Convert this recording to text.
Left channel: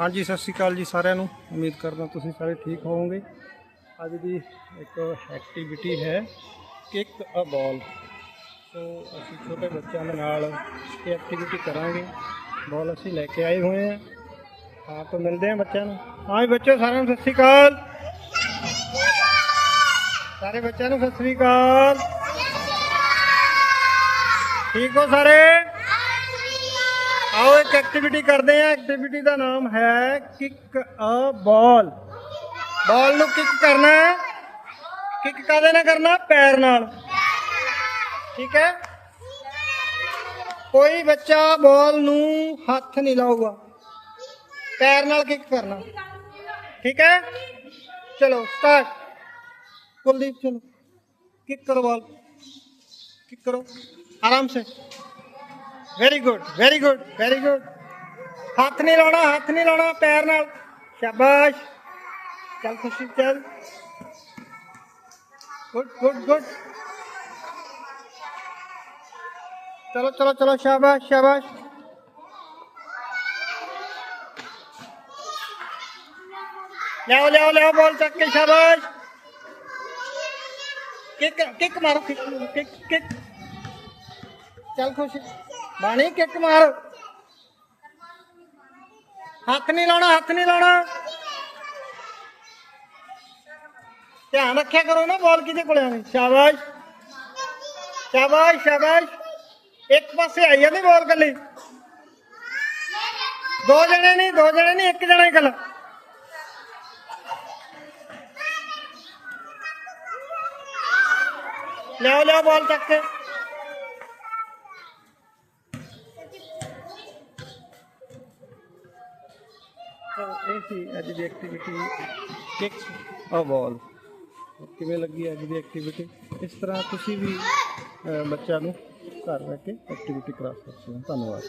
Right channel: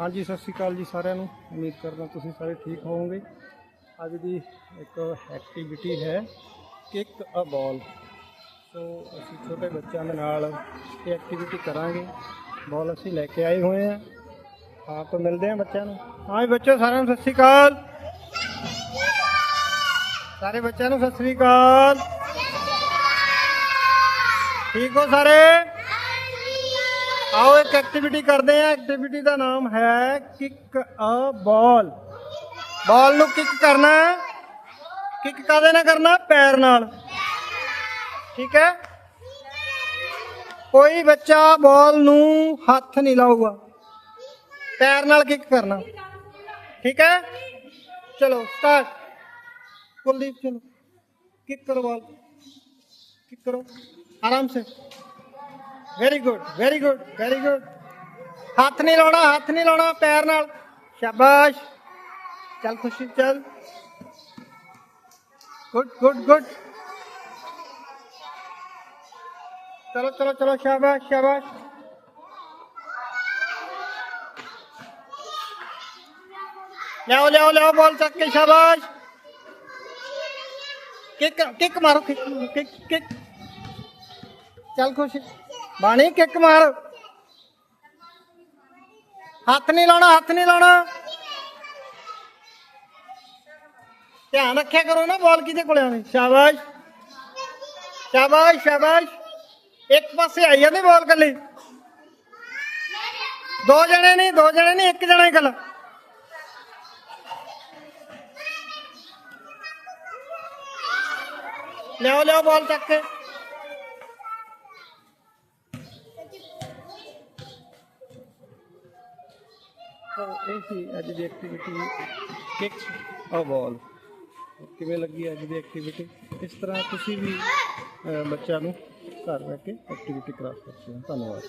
ਹਾਂਜੀ, ਸਤਿ ਸ਼੍ਰੀ ਅਕਾਲ ਜੀ ਸਾਰਿਆਂ ਨੂੰ। ਉਮੀਦ ਕਰਦਾ ਤੁਸੀਂ ਸਾਰੇ ਠੀਕ ਹੋਵੋਗੇ। ਅੱਜ ਦੀ ਇੱਕ ਐਕਟੀਵਿਟੀ ਹੈ ਕਿਕ ਅ ਬਾਲ। ਸੋ ਅਸੀਂ ਛੋਟੇ ਬੱਚਿਆਂ ਦੇ ਨਾਲ ਇਹ ਐਕਟੀਵਿਟੀ ਕਰਾਂਗੇ। ਬਾਲ ਅਸੀਂ ਲੈ ਕੇ ਆਏ ਹੋਏ ਹਾਂ ਆਪ ਮਿਲਦੇ ਹਾਂ ਬੱਚਿਆਂ ਨੂੰ। ਹਾਂ ਬੱਚੇ, ਸਾਰਿਆਂ ਨੂੰ ਸਤਿ ਸ਼੍ਰੀ ਅਕਾਲ। ਸਾਰੇ ਬੱਚਿਆਂ ਨੂੰ ਸਤਿ ਸ਼੍ਰੀ ਅਕਾਲ। ਠੀਕ ਹੋ ਸਾਰੇ? ਆਓ ਇੱਕ ਐਕਟੀਵਿਟੀ ਕਰਦੇ ਆ ਐਕਟੀਵਿਟੀ ਦਾ ਨਾਮ ਹੈ ਕਿੱਕ ਅ ਬਾਲ ਬਾਲ ਨੂੰ ਕਿੱਕ ਕਰਨਾ ਹੈ। ਕਿਕ ਕਾਦੇ ਨਾਲ ਕਰਨਾ? ਪੈਰ ਨਾਲ। ਠੀਕ ਹੈ? ਕੋਈ ਬੱਚਾ ਬਾਲ ਨੂੰ ਹੱਥ ਨਹੀਂ ਲਾਊਗਾ। ਪੈਰ ਨਾਲ ਕਿੱਕ ਕਰਨਾ। ਠੀਕ ਹੈ? ਚਲੋ ਸਟਾਰਟ ਕੁਲਦੀਪ, ਚਲੋ। ਕਿੱਕ ਕਰੋ ਬਾਲ ਕਿੱਕ ਕਰੋ। ਆਰਾਮ ਸੇ। Very good very good very good ਹੱਥ ਨਹੀਂ ਲਾਉਣਾ, ਹੱਥ ਨਹੀਂ ਲਾਉਣਾ, ਪੈਰ ਨਾਲ। ਸ਼ਾਬਾਸ਼। ਚੱਲ ਖੁਸ਼ੀ, ਚੱਲ। ਗੁੱਡ ਗੁੱਡ ਗੁੱਡ ਚਲੋ ਚਲੋ ਚਲੋ, ਸ਼ਾਬਾਸ਼ ਸ਼ਾਬਾਸ਼। ਲਿਆਓ ਲਿਆਓ ਲਿਆਓ ਬੋਲ ਚੱਕ ਕੇ, ਸ਼ਾਬਾਸ਼। ਕਿੱਕ ਕਿੱਕ ਮਾਰੋ, ਕਿੱਕ ਕਿੱਕ ਕਿੱਕ। ਚੱਲ ਖੁਸ਼। ਬਾਣੀ ਕਿੱਕ ਮਾਰ। ਹੱਥ ਨਹੀਂ ਲਾਉਣਾ, ਹੱਥ ਨਹੀਂ ਲਾਉਣਾ। ਧਿਆਨ ਰੱਖਿਆ ਕਰੋ ਨਾ ਬਾਲ ਕਿਹਦੇ ਕੋਲੇ ਆਣੀ ਸ਼ਾਬਾਸ਼। ਸ਼ਾਬਾਸ਼ ਸ਼ਾਬਾਸ਼। ਇੱਕ ਪਾਸੇ ਆਈ ਜਾਂਦੀ ਬਾਲ ਕੱਲੀ ਦੋ ਜਣੇ ਨਹੀਂ, ਦੋ ਜਣੇ ਨਹੀਂ, ਇੱਕ ਜਣਾ ਹੀ ਕੱਲਾ ਲਿਆਓ ਲਿਆਓ ਬਾਲ ਚੱਕ ਕੇ। ਇਹ ਸੀ ਅੱਜ ਦੀ ਐਕਟੀਵਿਟੀ ਕਿਕਸ ਅ ਬਾਲ ਕਿਵੇਂ ਲੱਗੀ ਅੱਜ ਦੀ ਐਕਟੀਵਿਟੀ ਇਸ ਤਰ੍ਹਾਂ ਤੁਸੀਂ ਵੀ ਬੱਚਿਆਂ ਨੂੰ ਘਰ ਰਹਿ ਕੇ ਐਕਟੀਵਿਟੀ ਕਰਾ ਸਕਦੇ ਹੋ। ਧੰਨਵਾਦ।